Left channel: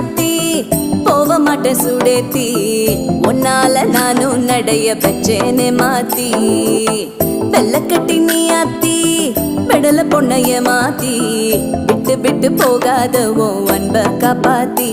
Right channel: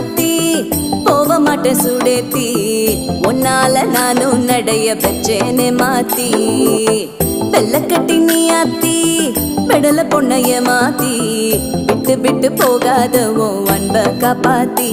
ஆத்தி போக மாட்டேன் சுடேத்தி உன்னால நானும் நடைய பெச்சேனே மாத்தி வெள்ளக்கட்டி நீ ஆத்தி பெடல பொண்ணைய மாத்தி விட்டு விட்டு போகாத உன் அன்ப காப்பாத்தி